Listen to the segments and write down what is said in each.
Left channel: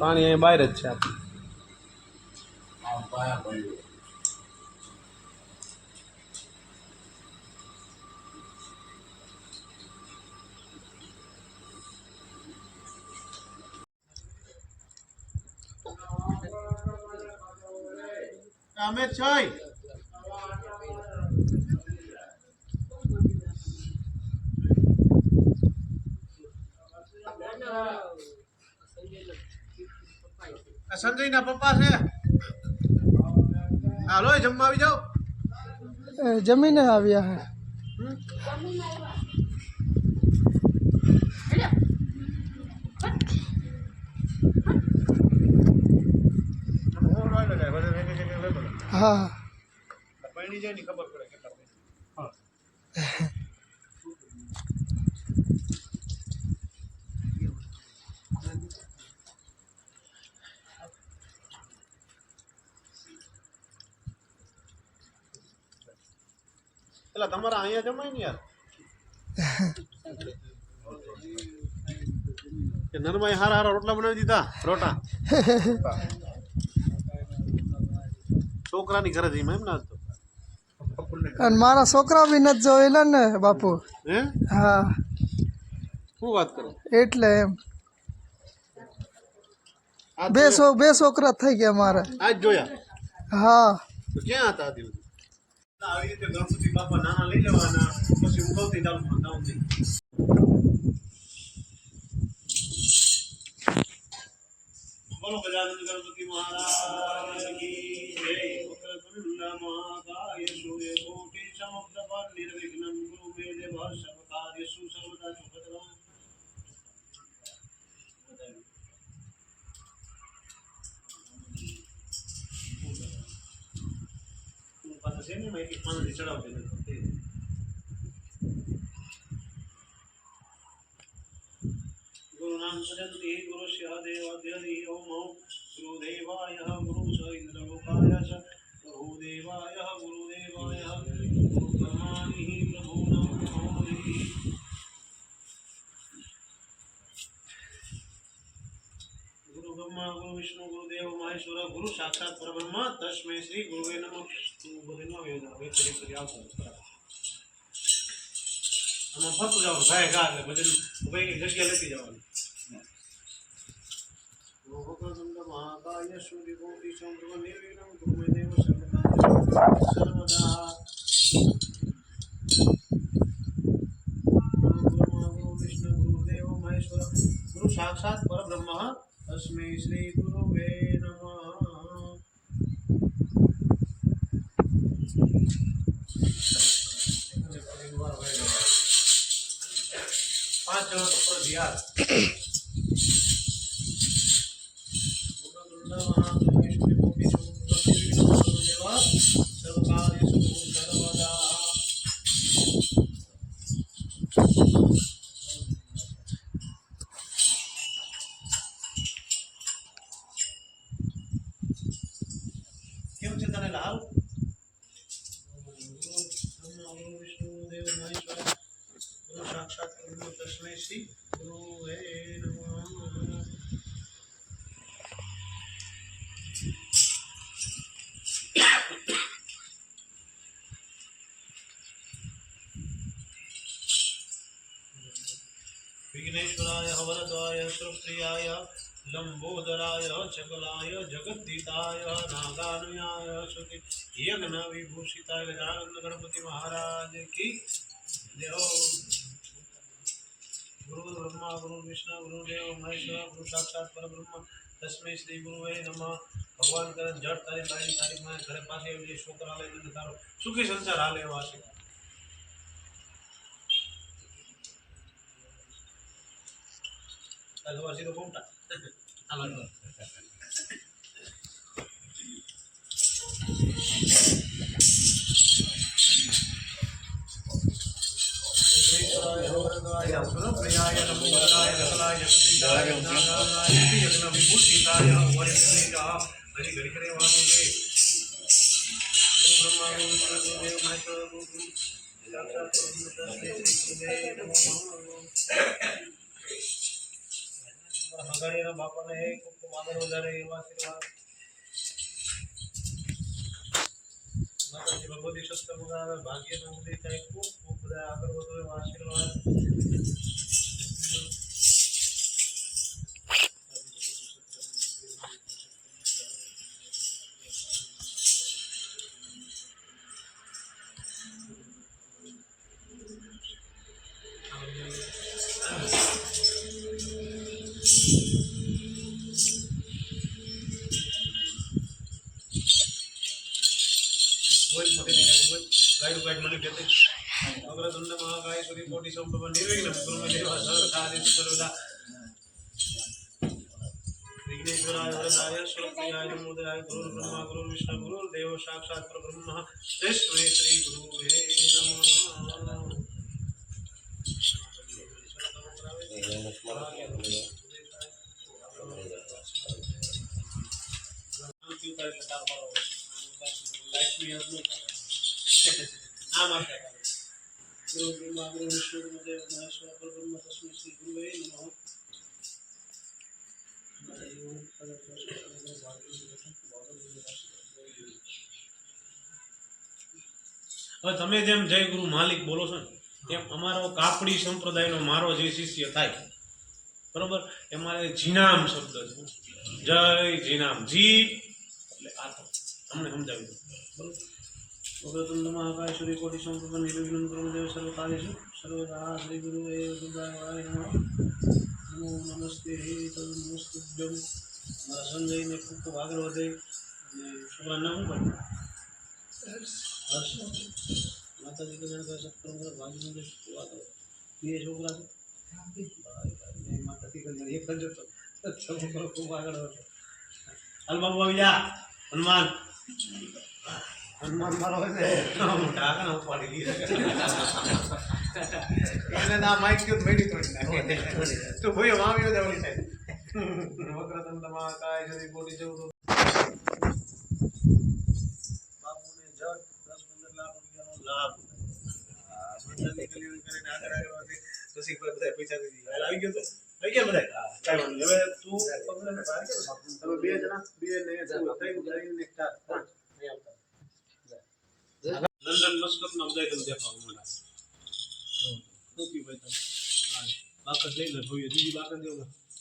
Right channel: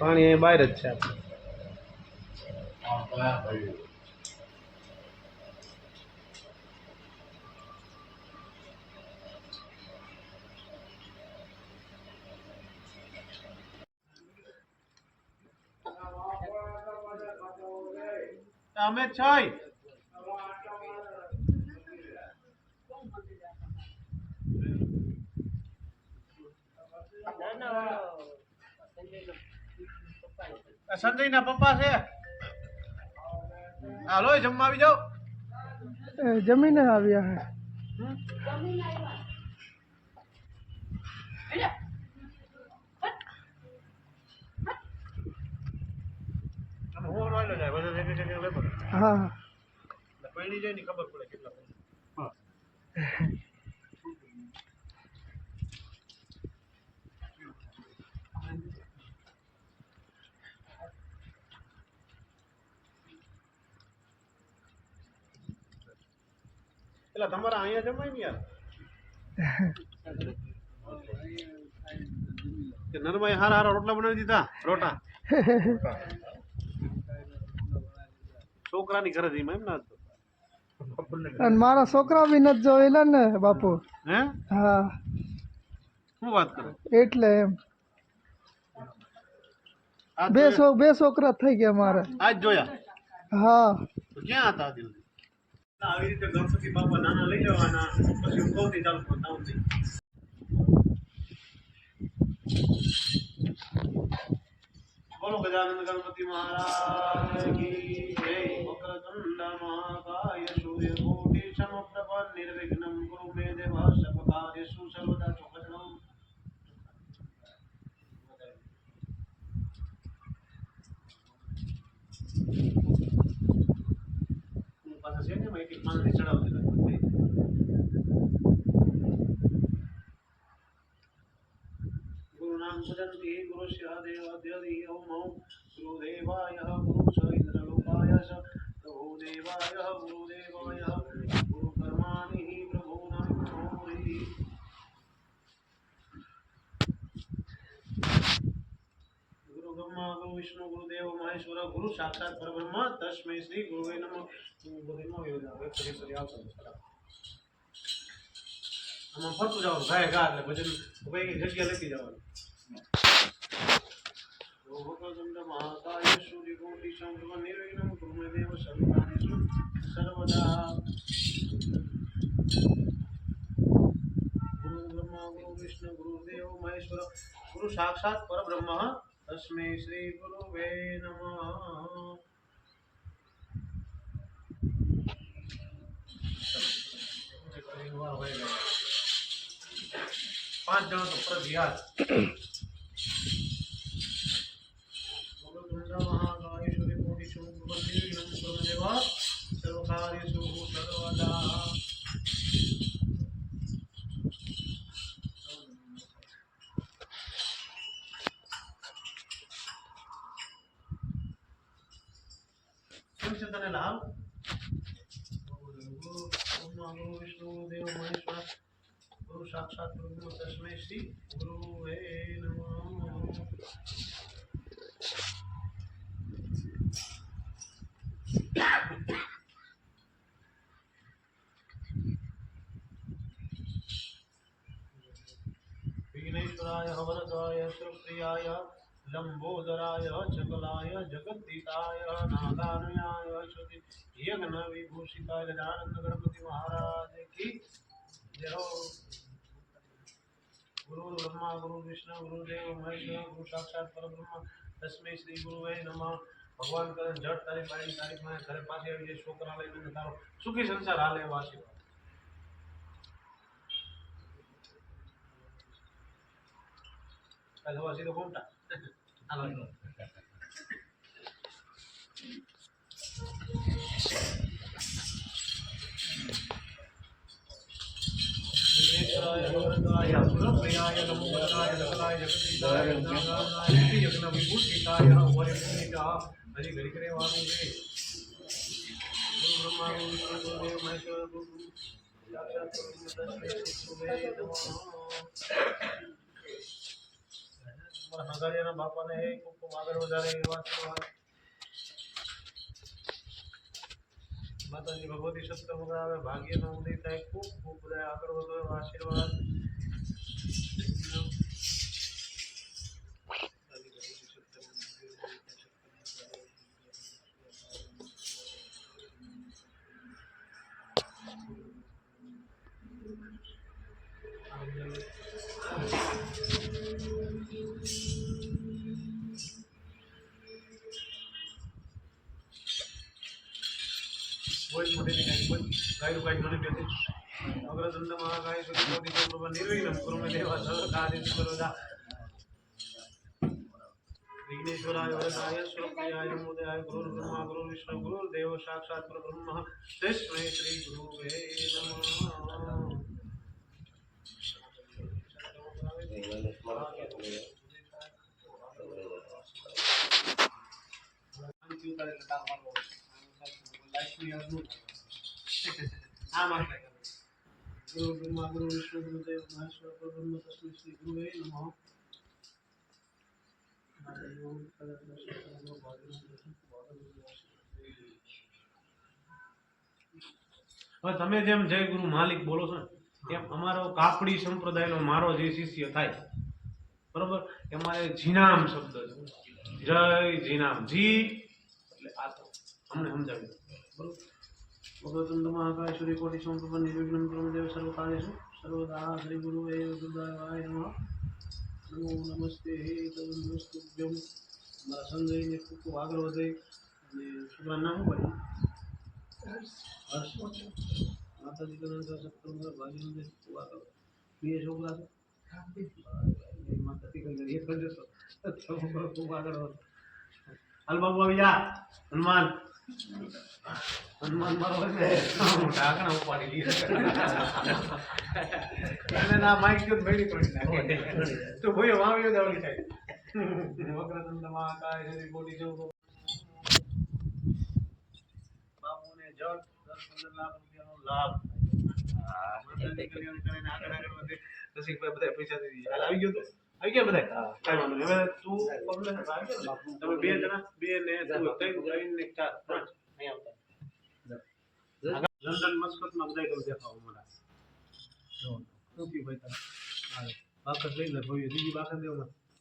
પાણી અહીં બહાર જ છે આપણે. અમે છે સંજય ના પપ્પા છે. હાલો જમવા આવી જાઓ. જમીને આવ્યા હે. હા પૈણી જાય ને ખબર પડે કેટલા પૈણા. પેલા તમારા અહીંયા જમાય ને યાર કે નરમાઈ હારા હારા રોટલા બનાવી દીધા. રોટા છોકરાની ઘરે જઈ એમ ના. અને મારા છોકરા બી નથી જોયેલા ને બાપુ. હે હા શું વાત કરે એટલે એમ બે છોકરા થઈ ગયા મારે. આજ જોયા. હા તો ક્યાં હતા આજે? આવી રીતે ગણપતિ બાપા નાના લઈ જવાના પછી ઉગવતી ચાલુ કરતા હું નહીં. બોલો ગજાનંદ ગણપતિ મહારાજ કી જય. વક્રતુંડ મહાકાય સૂર્યકોટિ સમપ્રભ નિર્વિઘ્નમ કુરુ મે દેવ સર્વ કાર્યેષુ સર્વદા ચોકચરમ. પાછા છે ને માહિતી પાણી ચડાવતી નથી. गुरु नाम सजन्ति गुरु देवाद्यदि ओम गुरुदेवाय गुरु च इंद्रलोकाय च प्रभुदेवाय गुरुदेवाय गुरु कर्माणि प्रभु नमोरि. गुरु ब्रह्मा गुरु विष्णु गुरुदेव महेश्वर गुरु साक्षात परब्रह्म तस्मै श्री गुरुवे नमः. બોલીનો યોજા વે કરી કરી આવતો આમાં ફરતું જવાનું ભાઈ ગા એટલે ભજન ભાઈ જગ્યા લેતી જવાની. વક્રતુંડ મહાકાય સૂર્યકોટિ સમપ્રભ નિર્વિઘ્નમ કુરુ મે દેવ સર્વદા. ગુરુ બ્રહ્મા ગુરુ વિષ્ણુ ગુરુદેવ મહેશ્વર ગુરુ સાક્ષાત પરબ્રહ્મ તસ્मै શ્રી ગુરુવે નમઃ. 5 જણો તો પર યાર. વક્રતુંડ મહાકાય સૂર્યકોટિ સમપ્રભ નિર્વિઘ્નમ કુરુ દેવ સર્વકાર્યેષુ સર્વદા. કેમ છે તને લાલ? ગુરુ વિષ્ણુ દેવ મહેશ્વર ગુરુ સાક્ષાત બ્રહ્મ તસ્मै શ્રી ગુરુવે નમઃ. विघ्नेश्वराय वरदाय सुप्रियाय लंबोदराय चकलाय जगद्दीताय नागानुयाय श्रुति यज्ञ विभूषिताय गजानंद गणपति महाराज की जय. गुरु ब्रह्मा गुरु विष्णु गुरुदेव महेश्वर गुरु साक्षात परब्रह्म तस्मै श्री गुरुवे नमः. भगवान करे जड़ तारी बाई तारीख में घरे पासे આવી જાય છોકરા લઈને તારો સુખી સંસાર હાલે એવા આશીર્વાદ. કાલે વાસી તો કોમટા હાલો. सुरप्रियाय नमोदराय सकलाय जगदीशाय नारायणाय यज्ञ विभूषिताय वरविघ्नेशाः हरि हरि करे वासुदेव. गुरु ब्रह्मा गुरु विष्णु गुरुदेव महेश्वर गुरु साक्षात परब्रह्म तस्मै श्री गुरुवे नमः. અગાડિયાના બાપાને ખૂબ ખૂબ આગળ વધારે એવા આશીર્વાદ. માતાજી ભગવતી સત્ય વગાવે, ભાગ્યનો ઉદય થાય, ખૂબ ખૂબ બધા આગળ વધો એવા આશીર્વાદ. બોલ મોટી દીકરી બોલ ગાયડું ગાઈડ મને બેતે અગ્રદંડ મહાકાય સુધી કોટી સંભવ નિર્વિઘ્ન ગુરુમે દેવા સર્વકાર્ય સર્વદા વિઘ્નેશ્વરાય વરદાય સ્વરૂપયાય નમોદયાય ગુરુ બ્રહ્મા ગુરુ વિષ્ણુ ગુરુ દેવ સાક્ષાત પરબ્રહ્મ તસ્मै શ્રી ગુરુવે નમઃ. ગુરુ બ્રહ્મા ગુરુ વિષ્ણુ ગુરુ દેવ મહેશ્વર પરબ્રહ્મ તસ્मै શ્રી ગુરુવે નમઃ. હવે તમે જેમ જય ગુરુ માલિક બોલો છો ને એમ અમારો કાપડી સંપ્રદાયનો મારો જે શિષ્ય થાય બરોબર એમાં જીનામ શબ્દ છે. જય જીનામ જી એટલે આ તો અમને સમજાવી દો બરોબર. વક્રતુંડ મહાકાય સૂર્યકોટી સમપ્રભ નિર્વિઘ્ન કુરુ દેવ સર્વ કાર્યેષુ સર્વદા શ્રી ગુરુ એ દુર્ગાય નમઃ. નમો નમસ્તે તદુસ્તુભ્યમ. મારા સંજયને ખૂબ ખૂબ આગળ વધે અને છોકરાનું નામ શું પડ્યું? હર્ષ. માતાજી કલ્યાણ કરે સત્કર્મ કરે ભાગ્યનું દે ખૂબ આગળ. બે છોકરા છે માતાજી કલ્યાણ એક જ હતો છોકરો ખૂબ આગળ હતો. હાલ બાબુ આવી જા. હનુમાન હનુમાન મારો ઢાંકણા ઉપાડી લીધા ના માઇક ગયો મેળી તોડી નાખે તો ભાઈ વાવ્યો જવડી થાય. વક્રતુંડ મહાકાય સૂર્ય કોટી સમપ્રભ. બાપુને જટ 10-15 લાખ રૂપિયાનો લાભ માતાજી કલ્યાણ કરીને આગળ આવ્યો છે. રસિકભાઈ બધા પૈસા દઈ દીધા. આવી ગયો તો આવી ગયા બધા કઈ વાંધો નહીં. હવે તું પગલે ને બહાર ગયો તમે બે જણા બે ને તું ત્રણ ગાઈને ચાર પાંચ નહીં આવતા. લંડન મસ્કત માં બધા તમે દેખાવા મળ્યા. ભાઈ તમે બાકસ લઈ લે ભાઈ બીજી બાકસ દેવો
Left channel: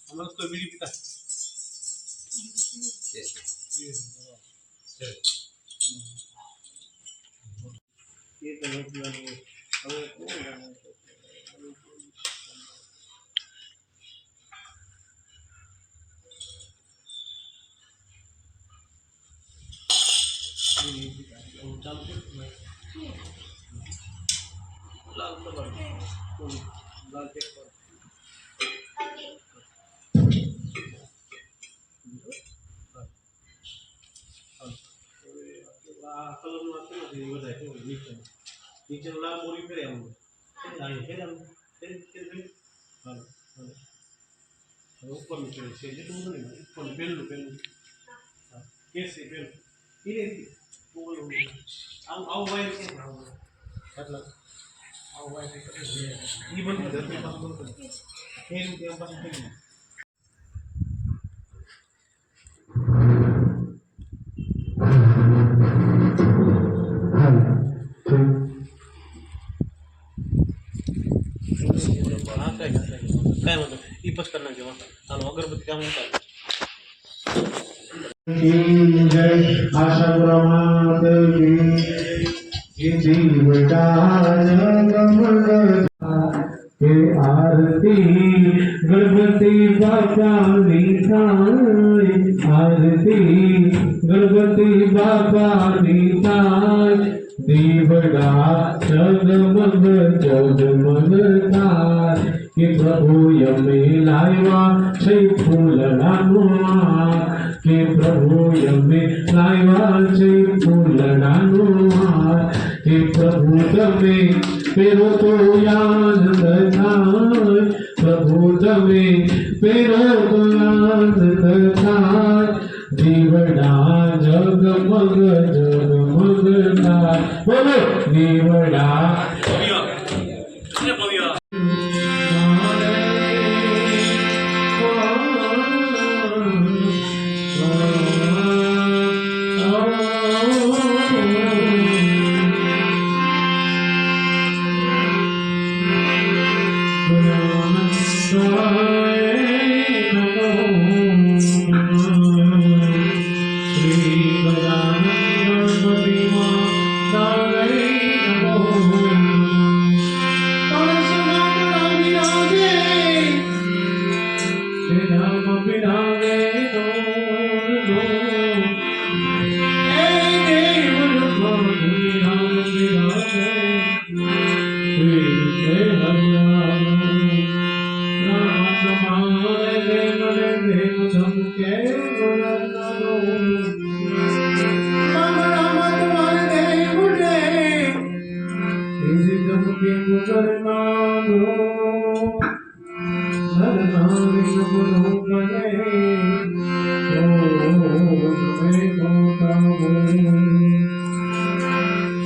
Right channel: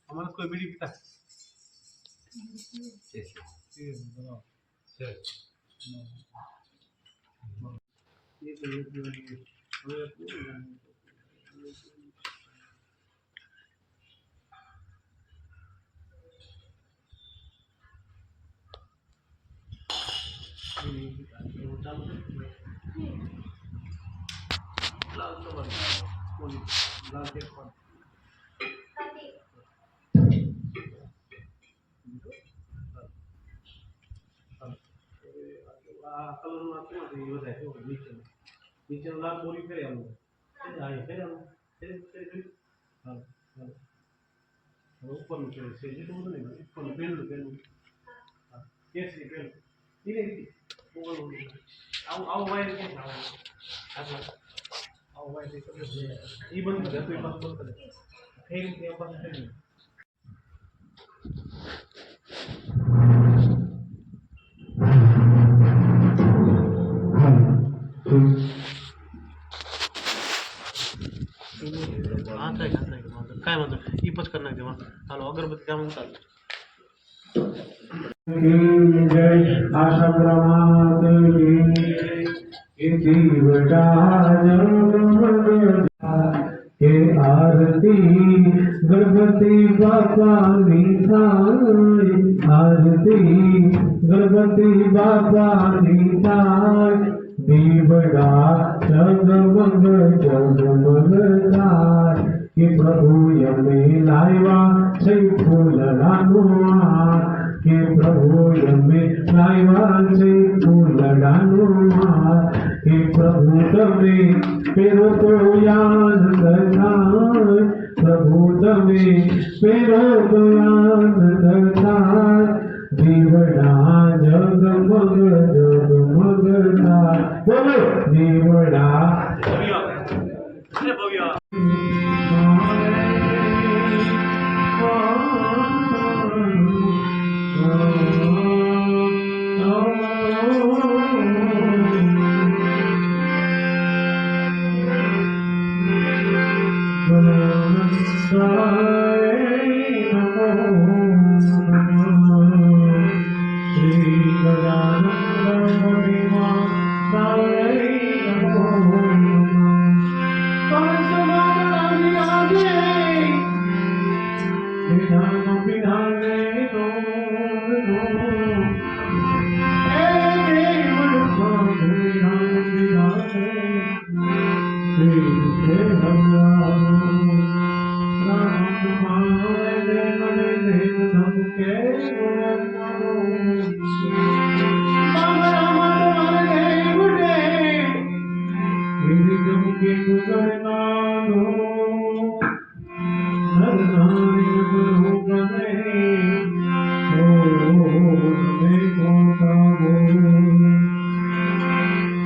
અમારે કોઈ બીડી પીતા ચાલુ લાલ તો લાલ ટેક પર આ કલરનું આખું વધારે નીચે લાલ બોરી ફેરે આમ ફેરે આમ હાલો હાલો હવે ઉપરનું ફેરે છે જેટલું બધું નહીં ઉપરનું પહેલું હા કેસરી પહેલું એ રીતે આવું વાયર ક્યાં આટલા આવું વાયર એ બંધ કરે પાછું બંધ કરે એ રીતે એમ પાછું થઈ ગયું. काय म्हणतो ही पच करणार जेव्हा हालो अगरबत्ती काम उतार जय आशा प्रमाद के आरती गणपति बापा निधाय आरती गणपति बापा निधाय दीवड़ा जगमग जगमग थाय કે પ્રભુ યમે લાવ્યા છે ફૂલડાનું હાર કે પ્રભુ યમે લાવ્યા છે ફૂલડાનું હાર કે પ્રભુ તમે પેરો તો યાદ થાય પ્રભુ તમે પેરો તો યાદ થાય દીવડા જગમગ જગમગ થાય બોલો દીવડા ભવ્ય ભવ્ય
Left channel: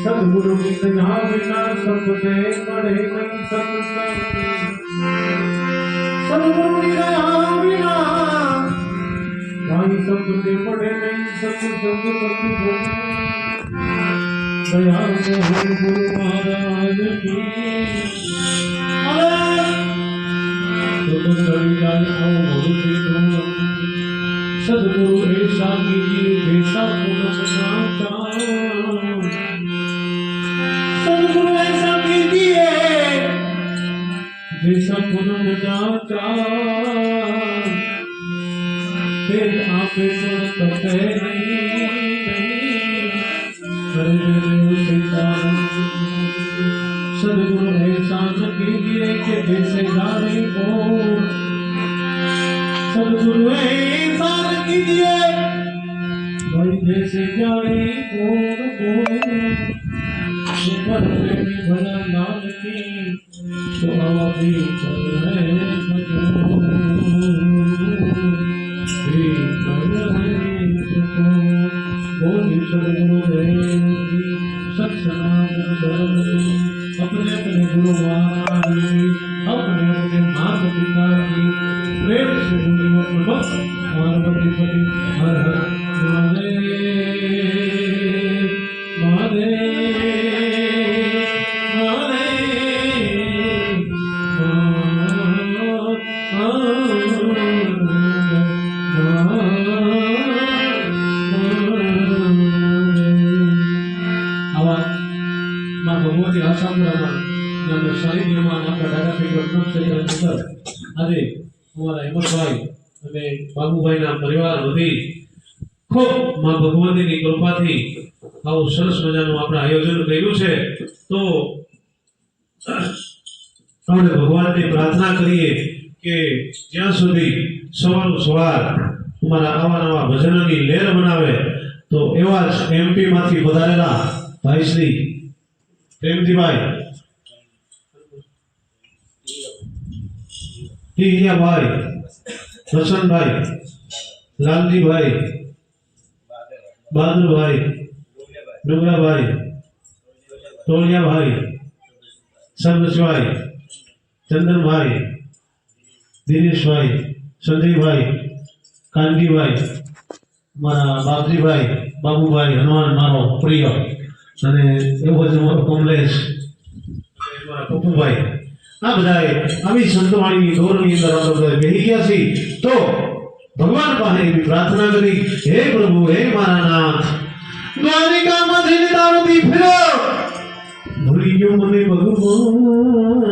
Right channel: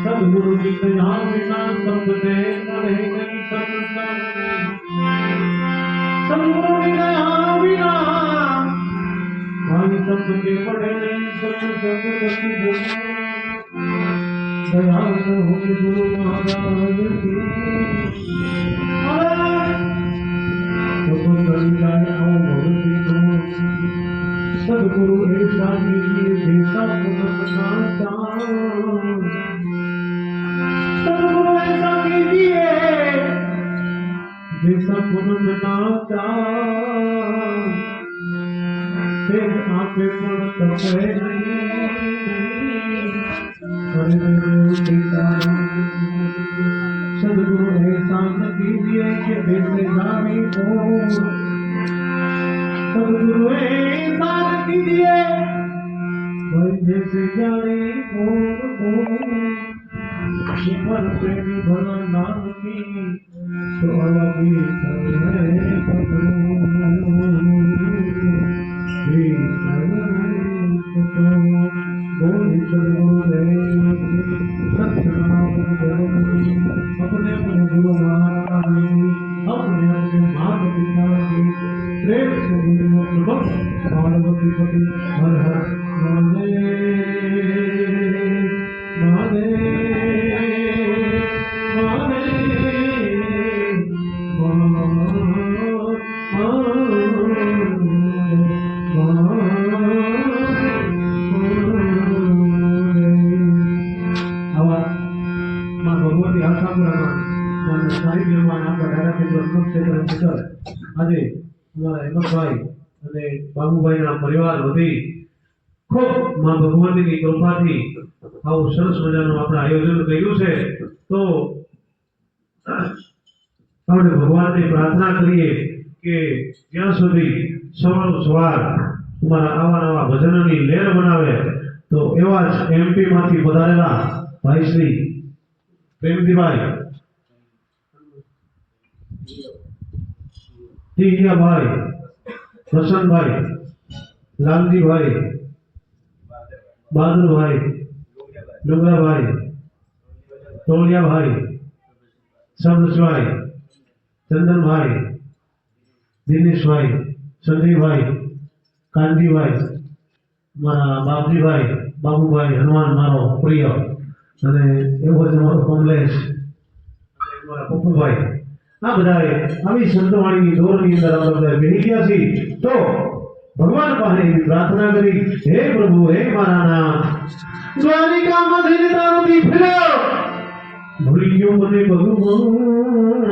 सदगुरु की दया बिना सब दे पड़े नहीं सकता सदगुरु की दया बिना भाई सब दे पड़े नहीं सकते दया से गुरु महाराज की सदगुरु ऐसा कीजिए जैसा सदगुरु ऐसा कीजिए जैसा पुनः फिर आपे सदगुरु ऐसा न कीजिए कि जैसे जाने को सदगुरु ऐसा न कीजिए भाई जैसे जाने को ऊपर पे भी भला नाम की तो अभी बोली सदगुरु देव सत्सनाम अपने अपने गुरु महाराज अपने अपने माता पिता की प्रेम से जुड़े प्रभु पार्वती पति हर हर આજે અમારા હેમંતભાઈ અને બાબુભાઈના પરિવાર વધી ખૂબ માં ભગવતીની કૃપાથી આવું સરસ મજાનું આપણે આયોજન કર્યું છે તો આપણે ભગવાનની પ્રાર્થના કરીએ કે જ્યાં સુધી સવાર અમારા આવા નવા ભજનોની લહેર બનાવે તો એવા જ એમપી માંથી પધારેલા ભાઈ શ્રી પ્રેમજીભાઈ ટીહિયાભાઈ વસંતભાઈ લાલજીભાઈ બહાદુરભાઈ ડુંગરાભાઈ ટોળિયાભાઈ સરબસભાઈ ચંદનભાઈ દિનેશભાઈ સંજયભાઈ કાનજીભાઈ મારા બાપજીભાઈ બાબુભાઈ હનુમાન મારો પ્રિય અને એવો જ અમારો કમલેશ અને મારા પપ્પુભાઈ આ બધાએ આવી સંતવાણીની દોરની અંદર આપણે બધા બેહી ગયા છીએ તો ભગવાન પાસે એવી પ્રાર્થના કરી હે પ્રભુ હે મારા નાથ દ્વારિકામાં જઈને તારો દી ફેર્યો ભૂલી ગયો મને ભગવાન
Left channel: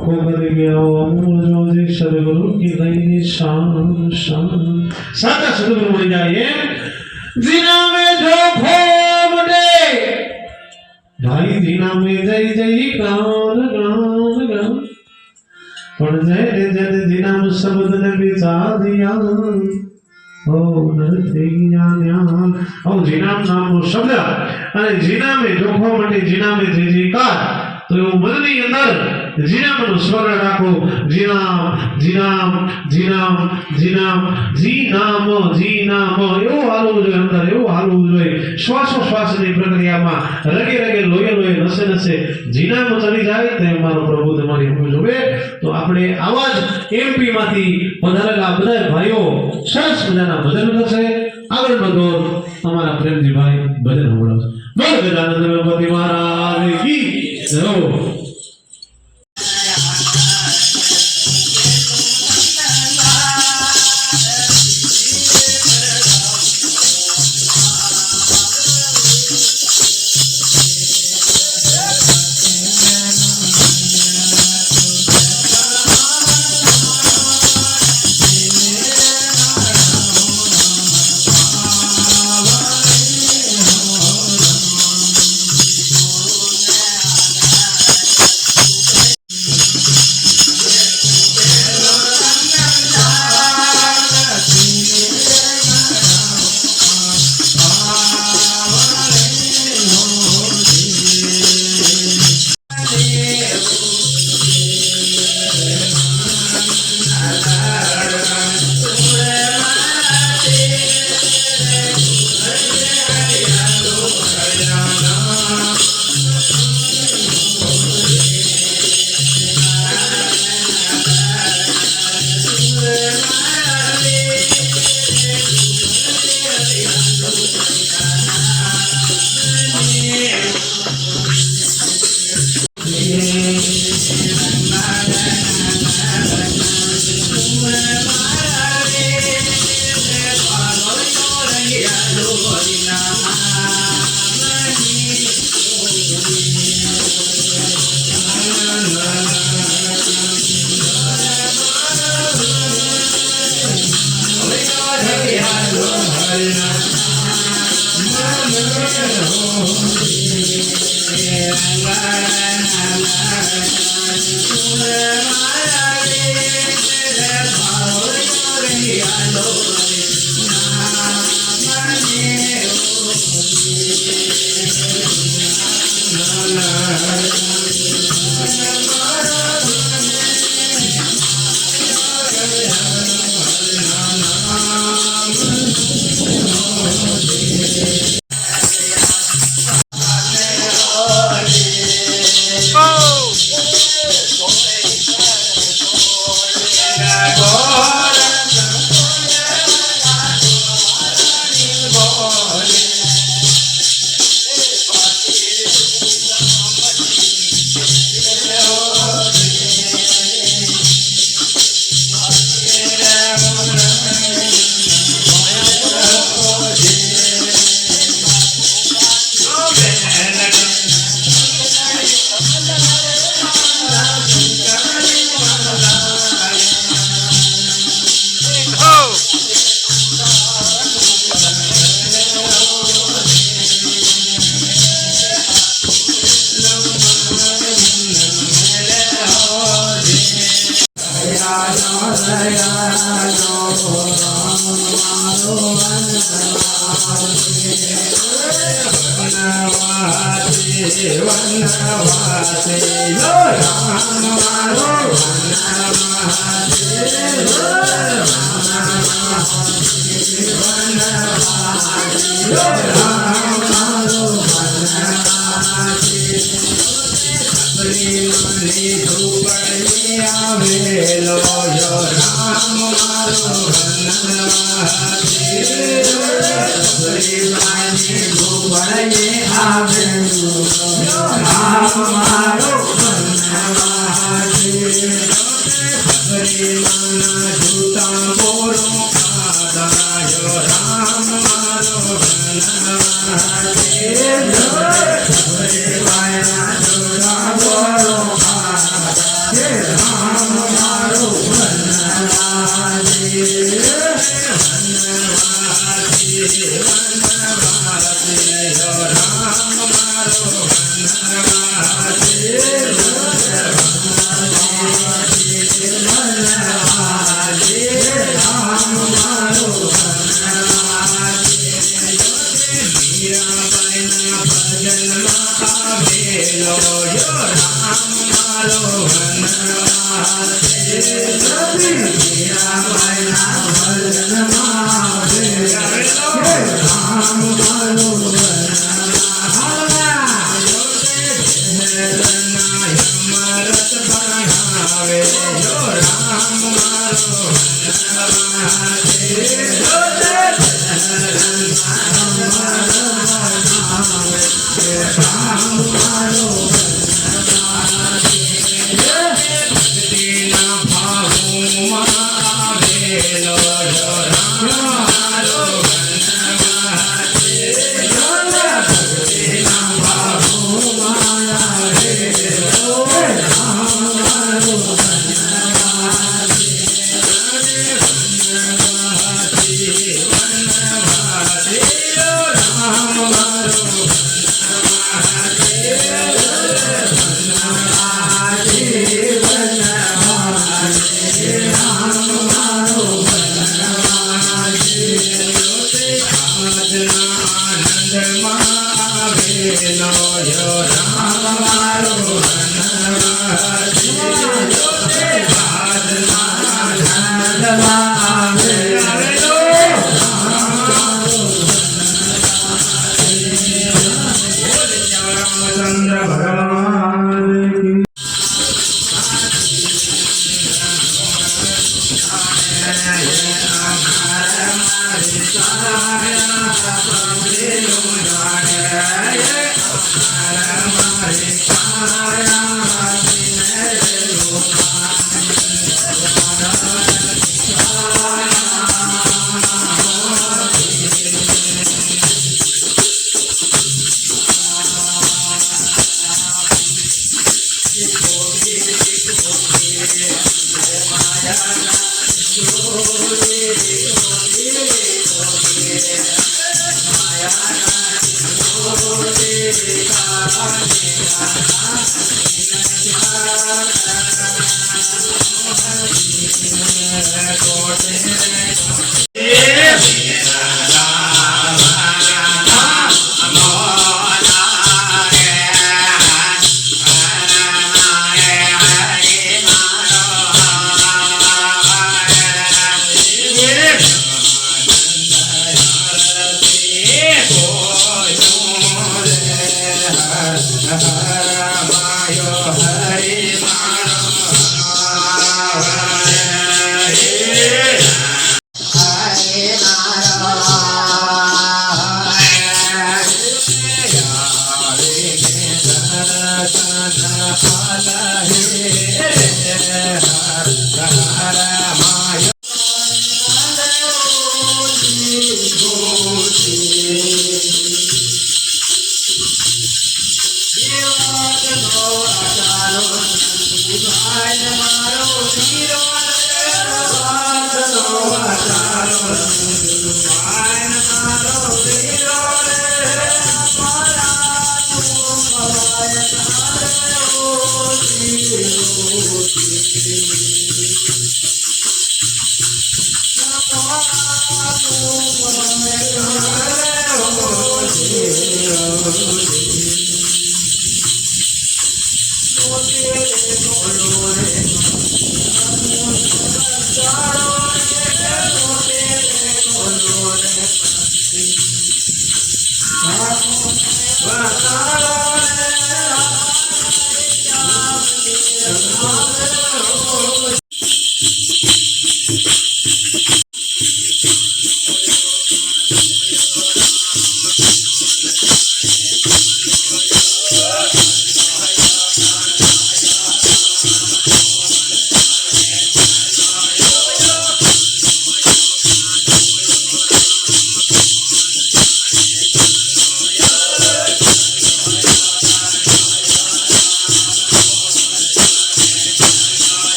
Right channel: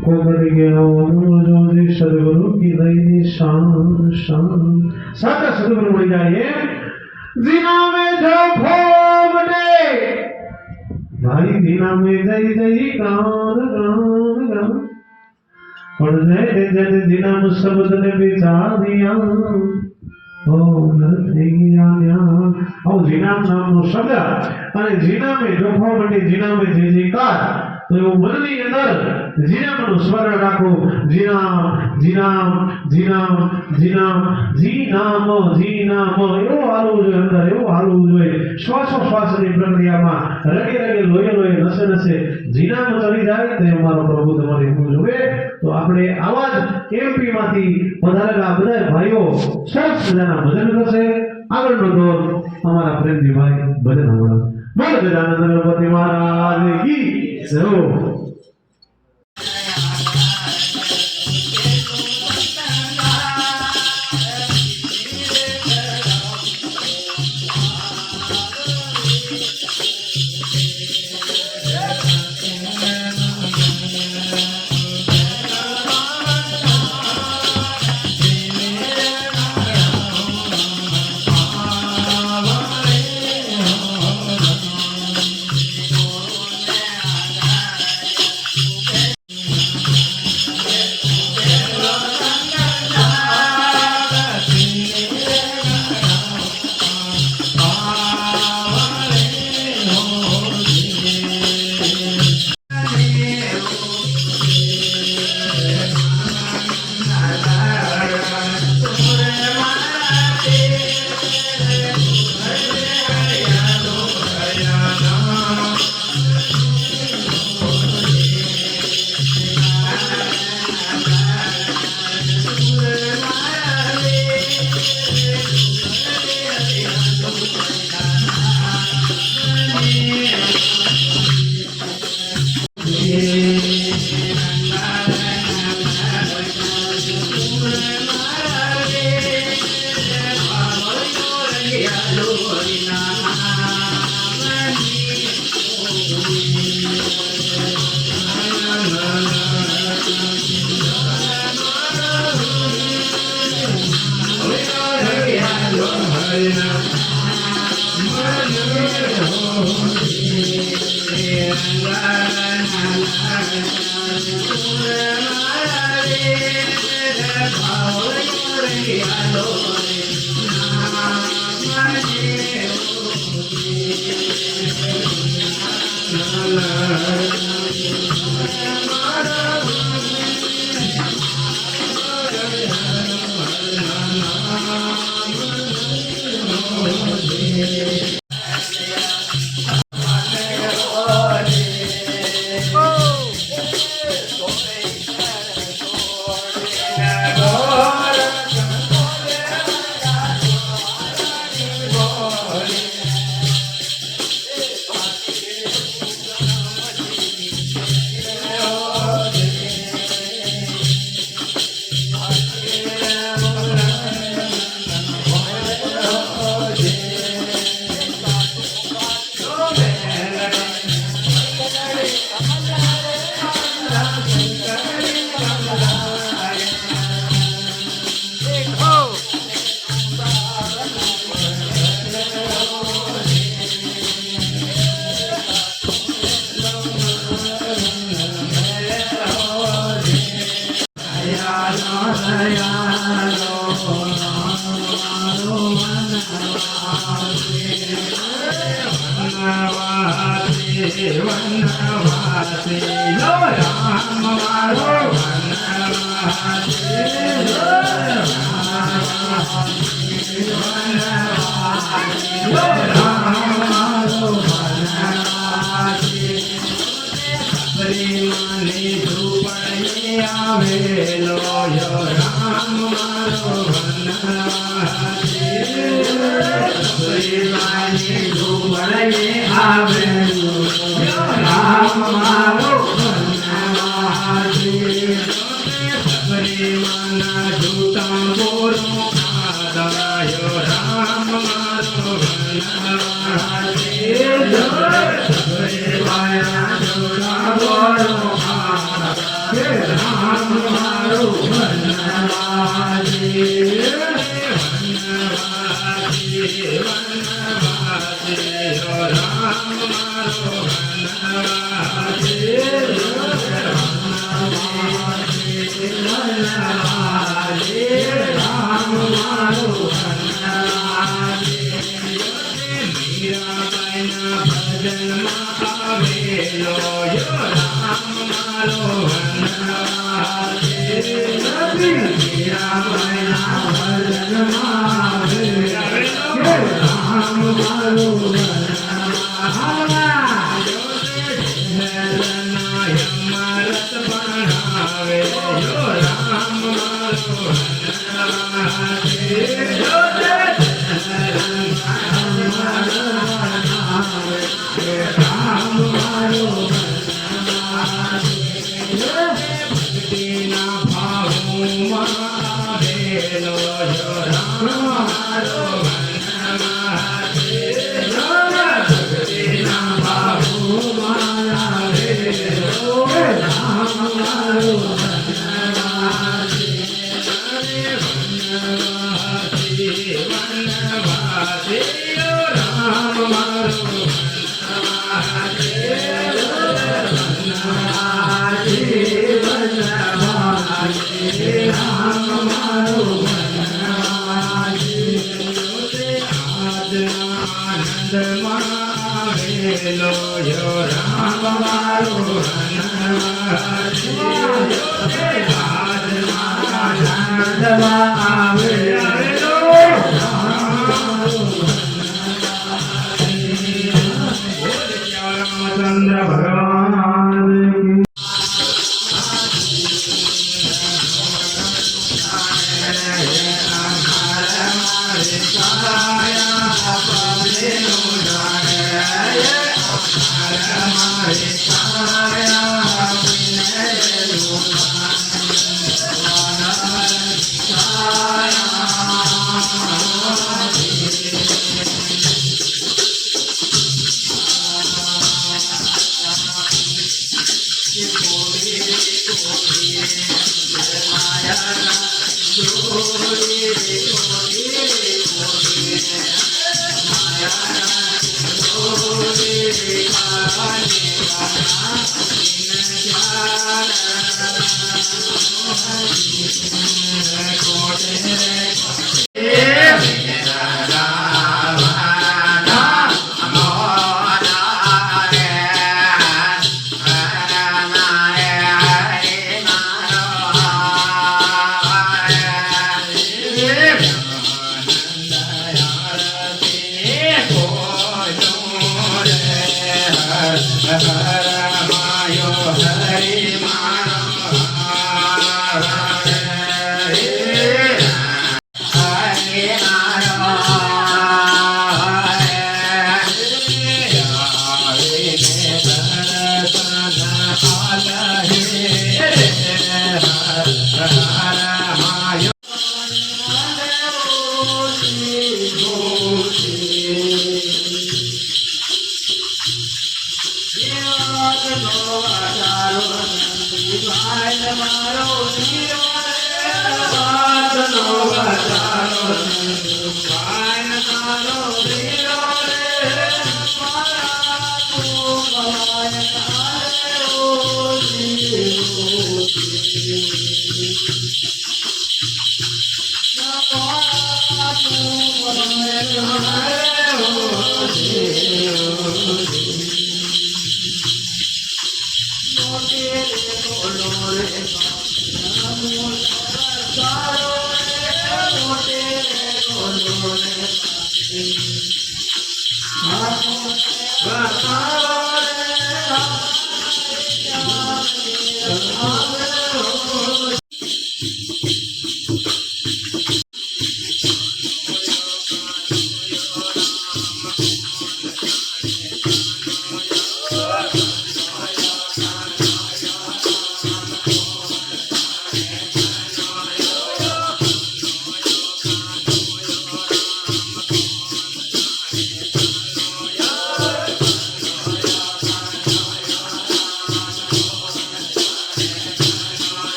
ખો કરી ગયા અમૂલ જોજે સદગુરુ કી દઈની શાન સાચા સદગુરુ મળી જાય એમ જીના મેં જો ખોબ દે भाई दीना में जय जय गान पण जय जन जिना शब्द ने बिचा दिया ओ નથી જ્ઞાન ઓ જીનામ નામનો શબ્દ અને જીનામે જોખવા માટે જીનામે જે જીકાર તો એવું મનની અંદર જીનામનું સ્મરણ રાખો જીનામ જીનામ જીનામ જીનામ જીનામ જીનામ એવું હાલવું જોઈએ અંદર એવું હાલવું જોઈએ શ્વાસોશ્વાસની પ્રક્રિયામાં રગે રગે લોહે લોહે નસે નસે જીનામ ચડી જાય તે મારો પ્રભુ તમારી હું જોવે તો આપણે આવા જ એમપી માંથી પધારેલા બધા ભાઈઓ સરસ મજાના ભજન કરશે આગળનો દોર અમારા પ્રેમજીભાઈ ભજન સંભળાવશે બોલ ગજાનંદ ગણપતિ મહારાજ કી જય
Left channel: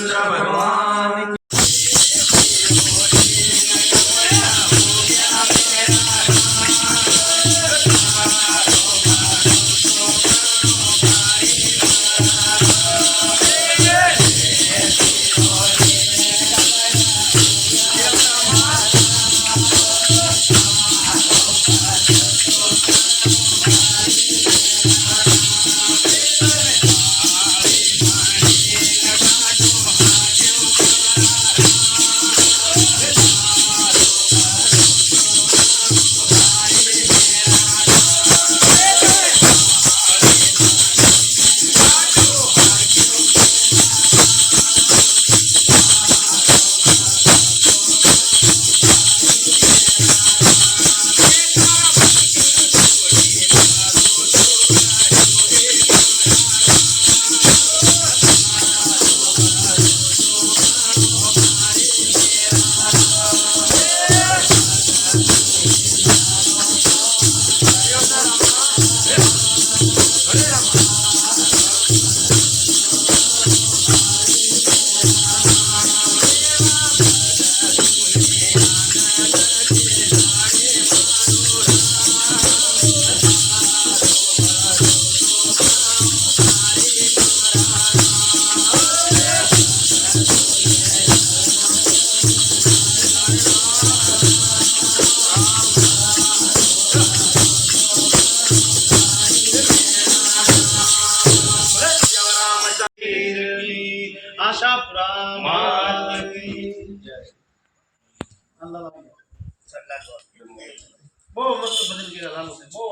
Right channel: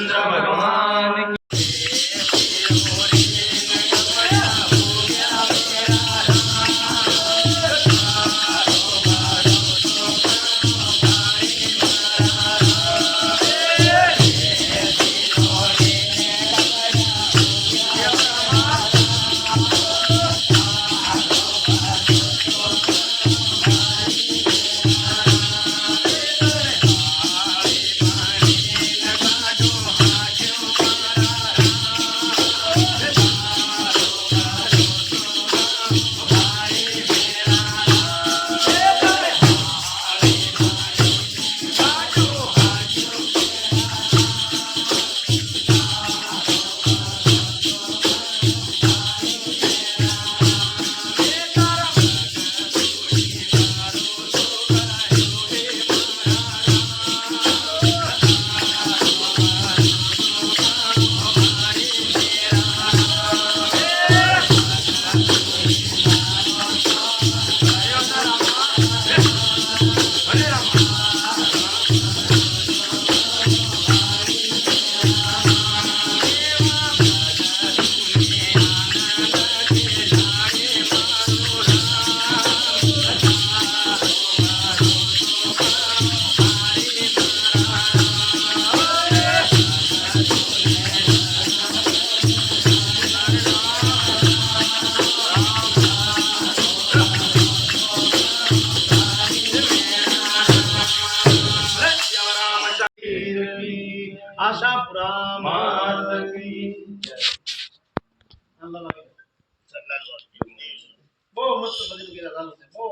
રામચંદ્ર ભગવાન આશાપુરા માત કી જય. બહુ મસ્ત ભજન કર્યા લાલુ સાહેબ, બહુ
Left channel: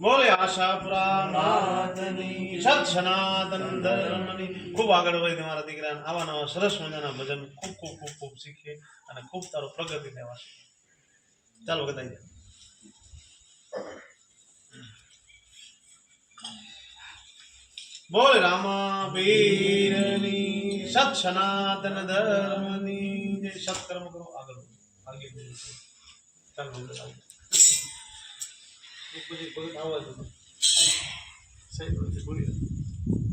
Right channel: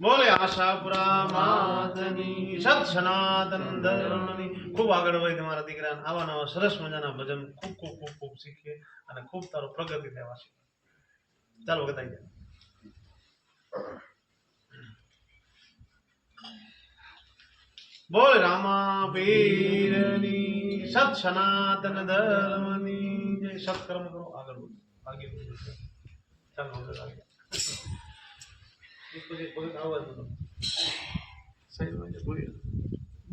બોલે આશાપુરા માતની સત સનાતન ધર્મની. ખૂબ આગળ વધી તમારા દીકરાને આવા નવા સરસ મજાના ભજન ખૂબ ખૂબ ખૂબ ખૂબ શીખે અને ખૂબ તારો પ્રગતિ લેવા. ચાલો કદાઈ જાય. બોલ રામા પીરની સત સનાતન ધર્મની જય. સત્કર્મ કરો, આગળ વધો, આગળ વધો. ચાલો આગળ આગળ. એક પછી ભગત આવાજ હતો. સહી વાત છે, બોલી.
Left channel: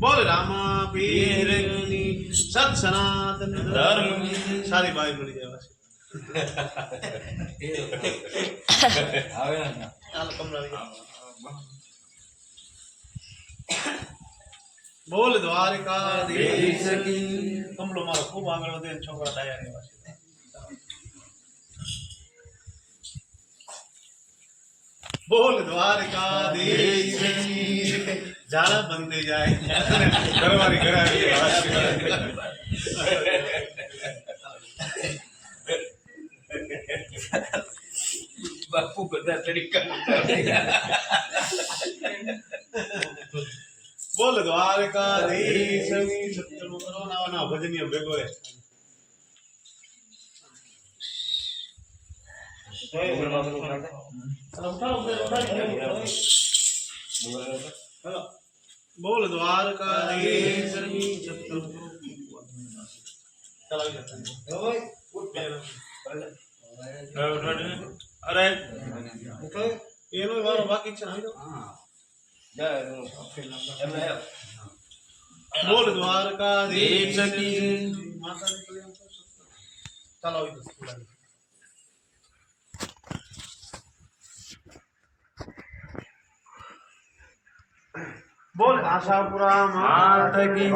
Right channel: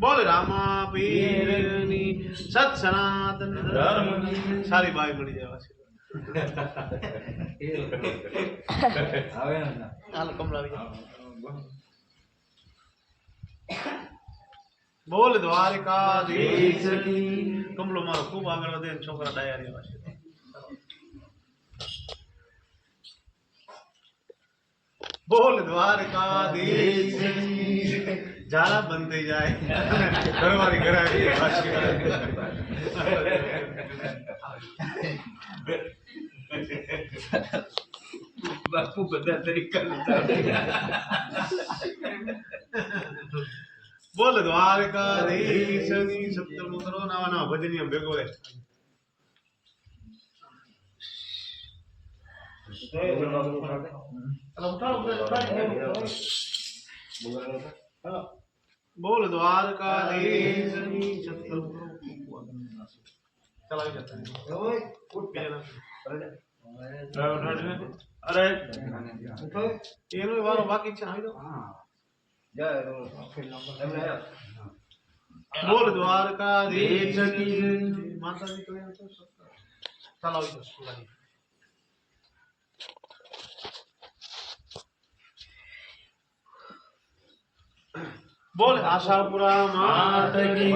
બોલ રામા પીરની સત સનાતન ધર્મની. સારી બાઈ મળી જાય વાસી. હાલ કમલા બોલ દ્વારકાધીશ કી. કમલો મારો ખૂબ આગળ વધે, છોકરા ડાયા રહેવા છે. બોલ દ્વારકાધીશ કી. ઝાડા બંધ થઈ જાય, ઘરવાળી ઘરે આવી બાપુ બધા તરીકા બોલ દ્વારકાધીશ ની. સપ્તમો કરો, નવા નવા ભજનીય ભેગો રહે. બોલ દ્વારકાધીશ ની. સપ્તમો કરો. ચાલ આવી જતા અરે એનો વારો બાકી છે. આવી જાઓ. બોલ દ્વારકાધીશ કી. માતાજી કલ્યાણ કરો. ચાલો આવી જાઓ. બોલ આશાપુરા માત કી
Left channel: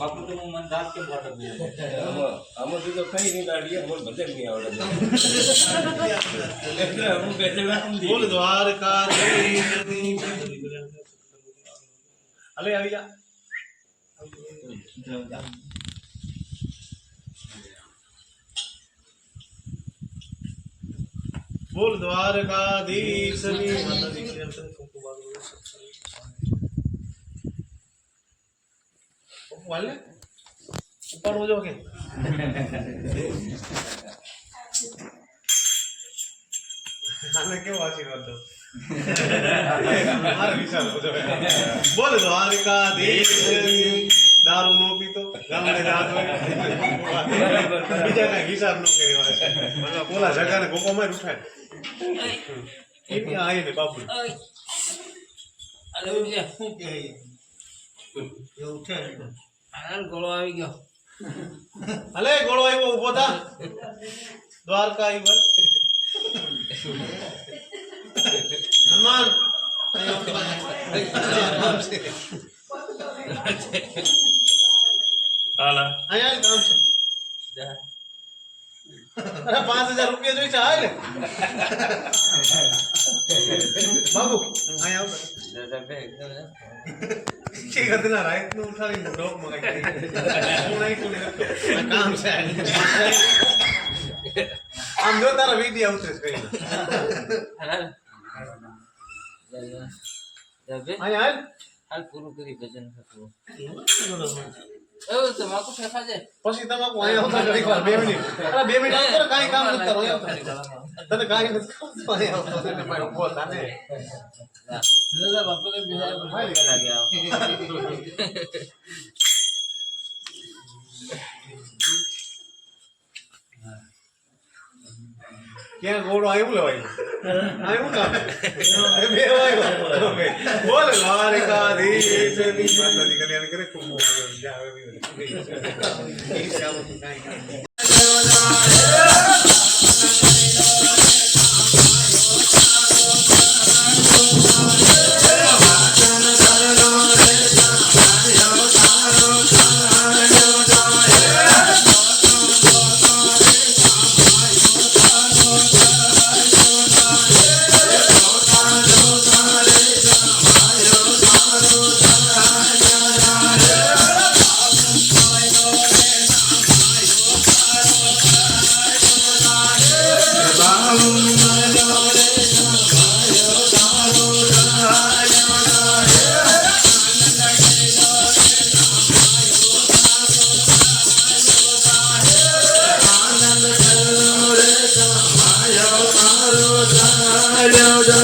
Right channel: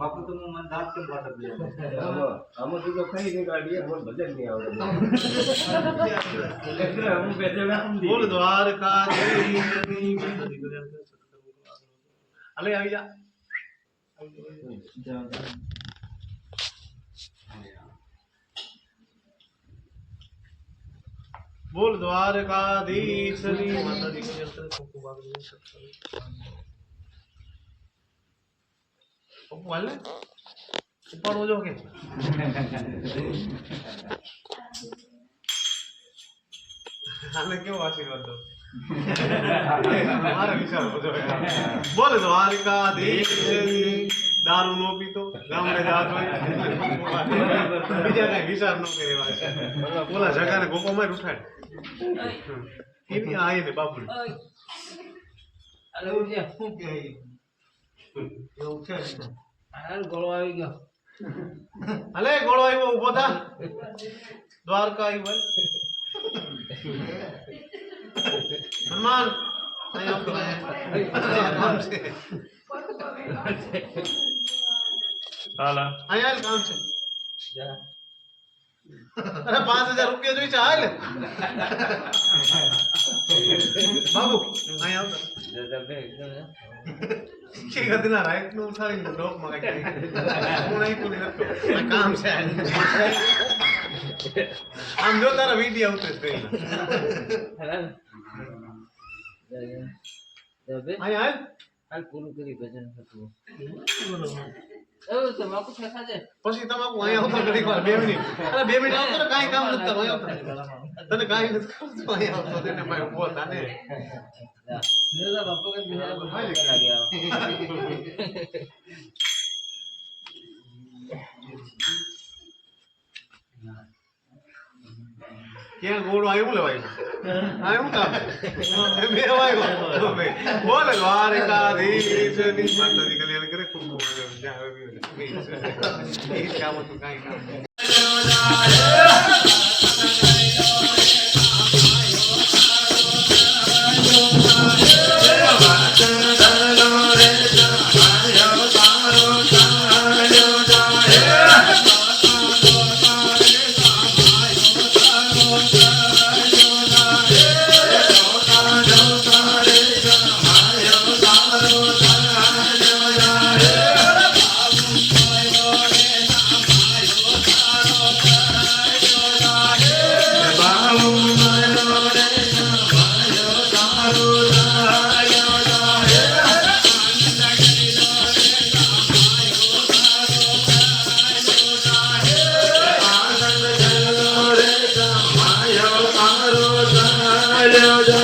બાપુ તો હું મન દાંત કેમ ફાટક આમાં તો કઈ નહીં કાઢીએ મને ભજન નહીં આવડે એટલે હું બેઠેલા બોલ દ્વારકાધીશ કી. અલે આવી જા. બોલ દ્વારકાધીશ ની. માતાજી ખૂબ આગળ પપ્પુ હાલ ને ઉપાડવો જો કે આને કેવો આશીર્વાદ દો. મારે વિચાર બધો બોલે દ્વારકાધીશ દારૂ નો પીતો ગામડે જાતો બીજા કઈ હિસાબ નો કરી વાત બોલા જગાને ગોપામાં ઉઠાય એની આયે ને બાપુ અરે ઉઠે શું કે એ ઉઠે હાલ ગોળો આવી ગયો હલે ગોળો આવ્યો ઉભો થા દ્વારકા આવ્યો હનુમાન અહીંયા કામ છે અરે 5000 રૂપિયા જોઈ છે હાલ બાબુ અહીંયા આવતો ઠીક હતી ના રાઈટ નું ઉઠાડી ડોક માં કઈ હું નહીં કોઈ નતો આ કામ છે આમ જો તારા વિડિયો આવતો છે અહીંયા હાલ હાલ પૂરું કરી ભજન હતું એવું તમાકુ ફેંકા છે પછી તમાકુ અહીંયા આવતો ઘડીક વાર 2 મિનિટ અરે 2 મિનિટ આવતો ને કાંઈ કામ નથી તારું અહીંયા આવતો તને કાંઈ નથી કરતો અહીંયા આવતો તેને ભાઈ ઉભો થાને દાદા બાપુ કે બિહાર લાગ્યા ક્યાં ગોળો આવ્યો લેવાય આવ્યું કામ બે આવ્યો બોલે દ્વારકાધીશની માતાજી કલ્યાણ કરે ખૂબ મોગલ જાવે બી એ કામ તો કાંઈ કામ Hare